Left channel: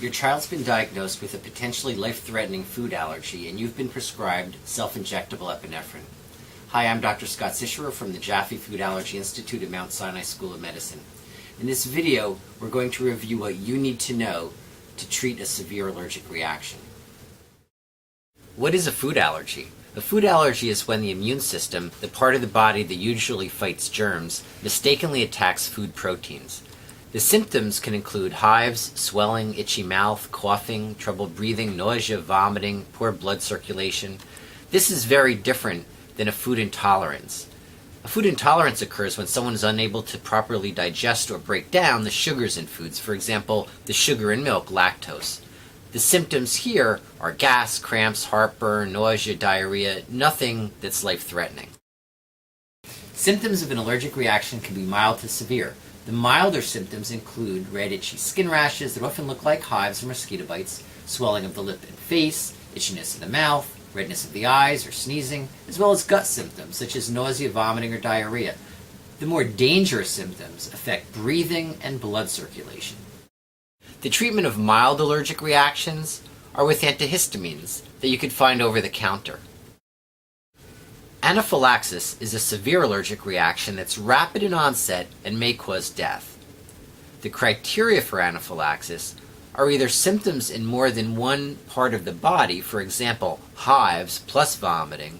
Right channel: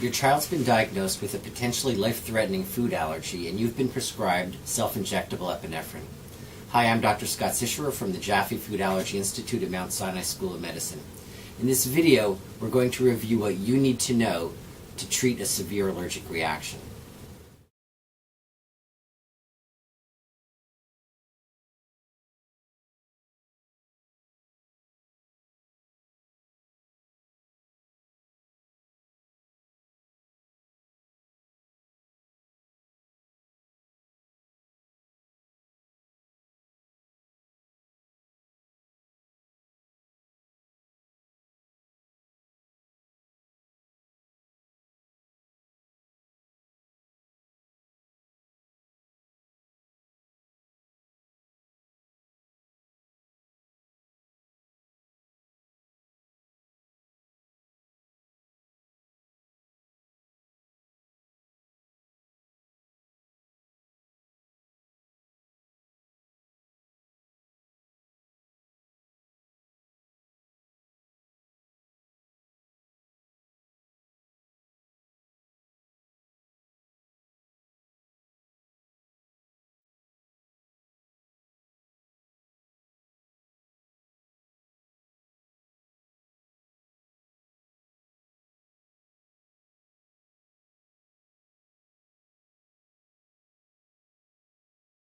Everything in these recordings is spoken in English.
Your child's been diagnosed with a potentially life-threatening food allergy and you've been prescribed self-injectable epinephrine. Hi, I'm Dr. Scott Sicherer from the Jaffe Food Allergy Institute at Mount Sinai School of Medicine. In this video, we're going to review what you need to know to treat a severe allergic reaction. What is a food allergy? A food allergy is when the immune system, the part of the body that usually fights germs, mistakenly attacks food proteins. The symptoms can include hives, swelling, itchy mouth, coughing, trouble breathing, nausea, vomiting, poor blood circulation. This is very different than a food intolerance. A food intolerance occurs when someone is unable to properly digest or break down the sugars in foods, for example, the sugar in milk, lactose. The symptoms here are gas, cramps, heartburn, nausea, diarrhea, nothing that's life-threatening. Symptoms of an allergic reaction can be mild to severe. The milder symptoms include red, itchy skin rashes that often look like hives or mosquito bites, swelling of the lip and face, itchiness in the mouth, redness of the eyes or sneezing, as well as gut symptoms such as nausea, vomiting, or diarrhea. The more dangerous symptoms affect breathing and blood circulation. The treatment of mild allergic reactions are with antihistamines that you could find over the counter. Anaphylaxis is a severe allergic reaction that's rapid in onset and may cause death. The criteria for anaphylaxis are either symptoms in more than one part of the body, for example, hives plus vomiting,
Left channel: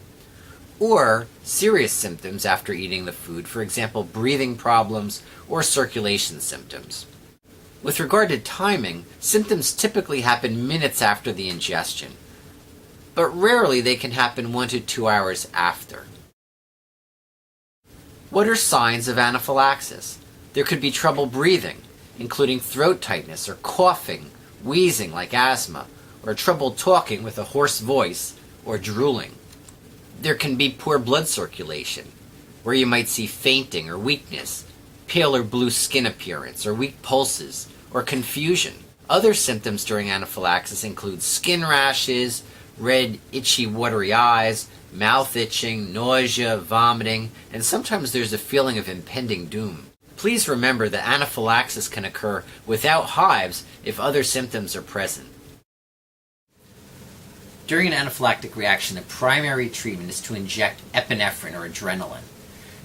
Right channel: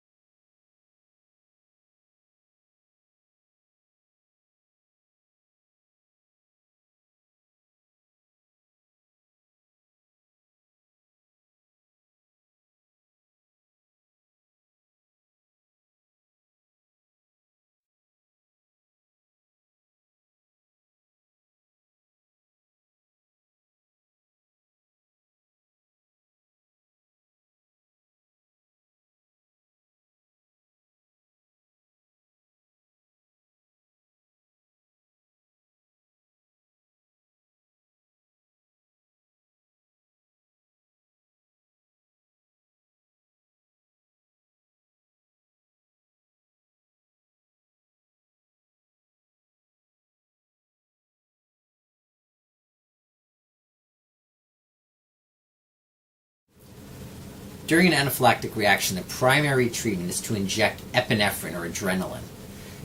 or serious symptoms after eating the food, for example, breathing problems or circulation symptoms. With regard to timing, symptoms typically happen minutes after the ingestion, but rarely they can happen 1 to 2 hours after. What are signs of anaphylaxis? There could be trouble breathing, including throat tightness or coughing, wheezing like asthma, or trouble talking with a hoarse voice or drooling. There can be poor blood circulation, where you might see fainting or weakness, pale or blue skin appearance, or weak pulses, or confusion. Other symptoms during anaphylaxis include skin rashes, red, itchy, watery eyes, mouth itching, nausea, vomiting, and sometimes there's a feeling of impending doom. Please remember that anaphylaxis can occur without hives if other symptoms are present. During an anaphylactic reaction, the primary treatment is to inject epinephrine or adrenaline.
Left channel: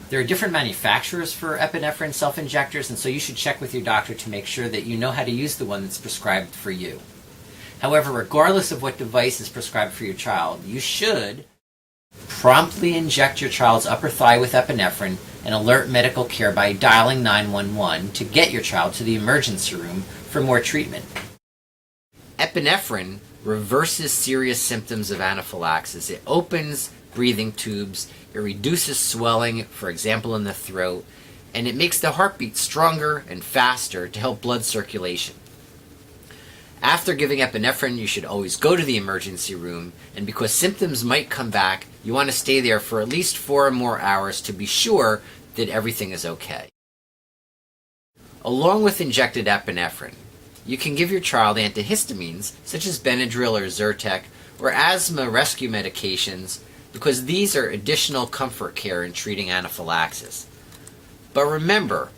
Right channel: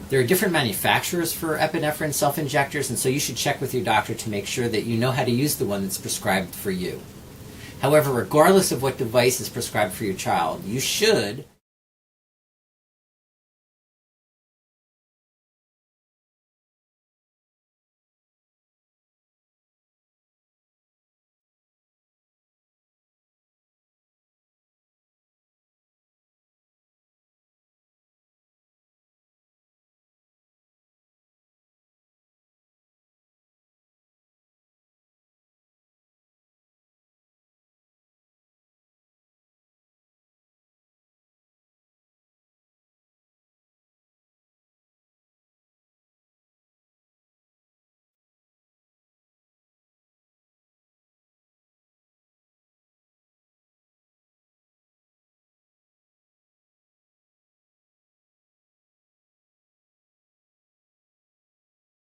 There are different manufacturers for epinephrine self-injectors, and so you should check with your doctor to make sure that you know how to use the one that's prescribed for you. However, regardless of what device is prescribed for your child, you should promptly inject your child's upper thigh with epinephrine and alert medical care by dialing 911 to get your child to the emergency room for more treatment. Epinephrine reverses serious symptoms of anaphylaxis. It opens breathing tubes, it reduces swelling, for example in the throat, and it makes the heartbeat stronger and faster to help blood circulation. After giving epinephrine, you should always go to the emergency room, and because symptoms might come back, you want to stay there for at least 4 or more hours to be sure that everything is okay. Along with injected epinephrine, you can give your child antihistamines such as Benadryl or Zyrtec or asthma rescue medications because these are additional comfort care in treating anaphylaxis. But remember,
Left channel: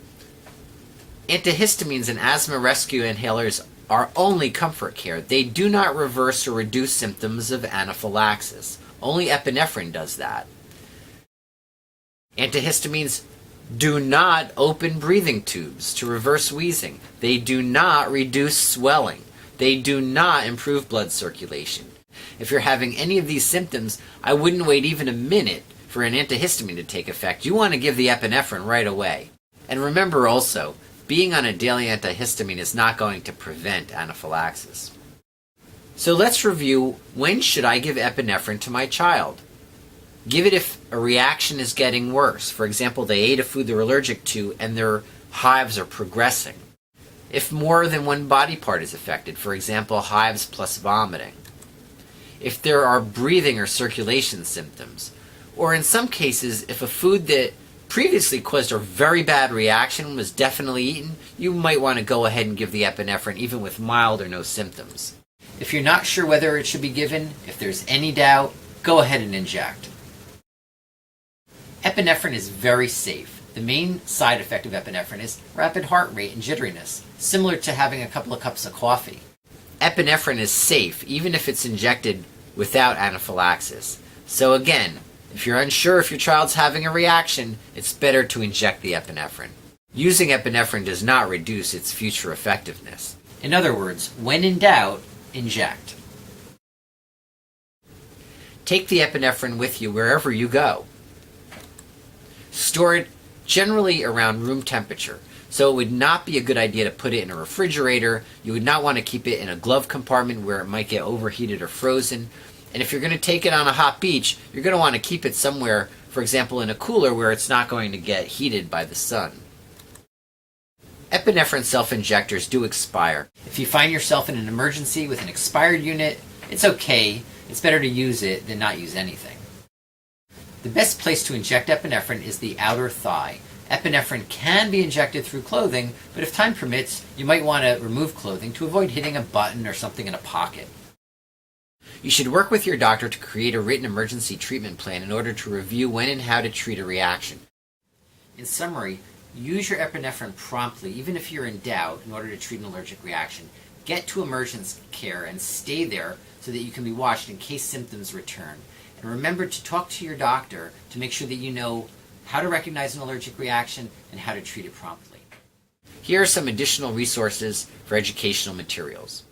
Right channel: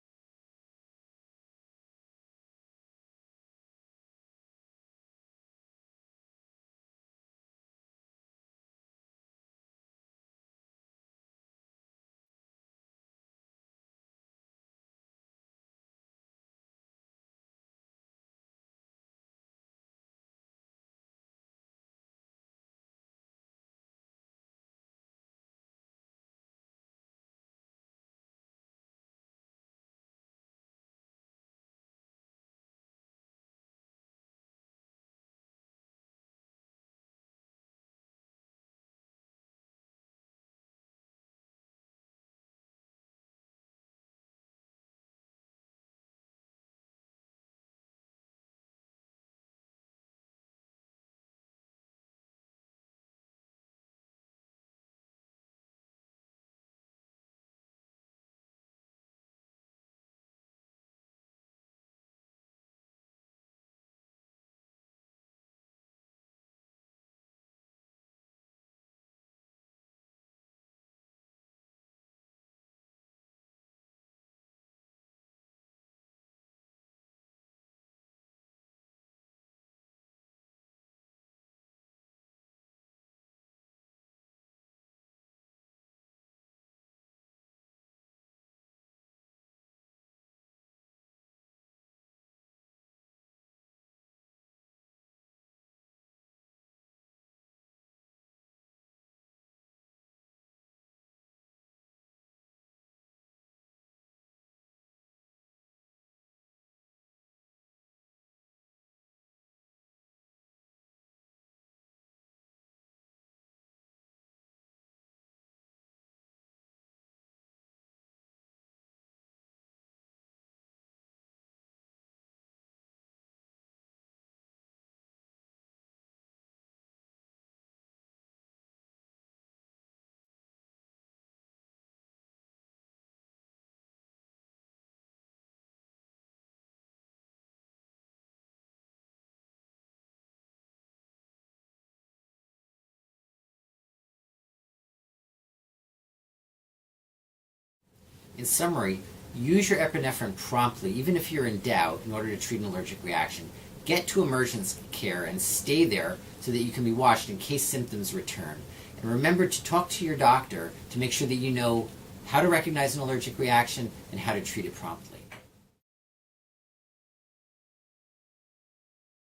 antihistamines and asthma rescue inhalers are only comfort care. They do not reverse or reduce symptoms of anaphylaxis. Only epinephrine does that. Antihistamines do not open breathing tubes to reverse wheezing. They do not reduce swelling. They do not improve blood circulation. If you're having any of these symptoms, I wouldn't wait even a minute for an antihistamine to take effect. You want to give the epinephrine right away. And remember also, being on a daily antihistamine is not going to prevent anaphylaxis. So let's review, when should I give epinephrine to my child? Give it if a reaction is getting worse. For example, they ate a food they're allergic to and their hives are progressing. If more than one body part is affected, for example, hives plus vomiting. If there are breathing or circulation symptoms. Or in some cases, if a food that previously caused a very bad reaction was definitely eaten, you might want to go ahead and give the epinephrine even with mild or no symptoms. If you're not sure whether it should be given, if there's any doubt, go ahead and inject. Epinephrine is very safe. The main side effect of epinephrine is rapid heart rate and jitteriness, similar to having a couple of cups of coffee. Epinephrine is safe even if it's injected without anaphylaxis. So again, if you're unsure if your child's having a reaction, it's better to inject the epinephrine. Using epinephrine does not reduce its future effectiveness. In other words, when in doubt, inject. Take the epinephrine with you wherever you go. Store it generally around room temperature, so it would not be a good idea to put it in a refrigerator. You would not want to keep it in a glove compartment where it might get overheated or frozen. And if you're going to take it on a hot beach, you're going to want to keep it somewhere, for example, in a cooler where it's not going to get heated by the sun. Epinephrine self-injectors do expire. If you find yourself in an emergency with an expired unit, it's okay. It's better to use it than not use anything. The best place to inject epinephrine is the outer thigh. Epinephrine can be injected through clothing, but if time permits, you might want to remove clothing to avoid hitting a button or something in a pocket. You should work with your doctor to create a written emergency treatment plan in order to review when and how to treat a reaction. In summary, use your epinephrine promptly, even if you're in doubt, in order to treat an allergic reaction. Get to emergency care and stay there so that you can be watched in case symptoms return. And remember to talk to your doctor to make sure that you know how to recognize an allergic reaction and how to treat it promptly. Here are some additional resources for educational materials.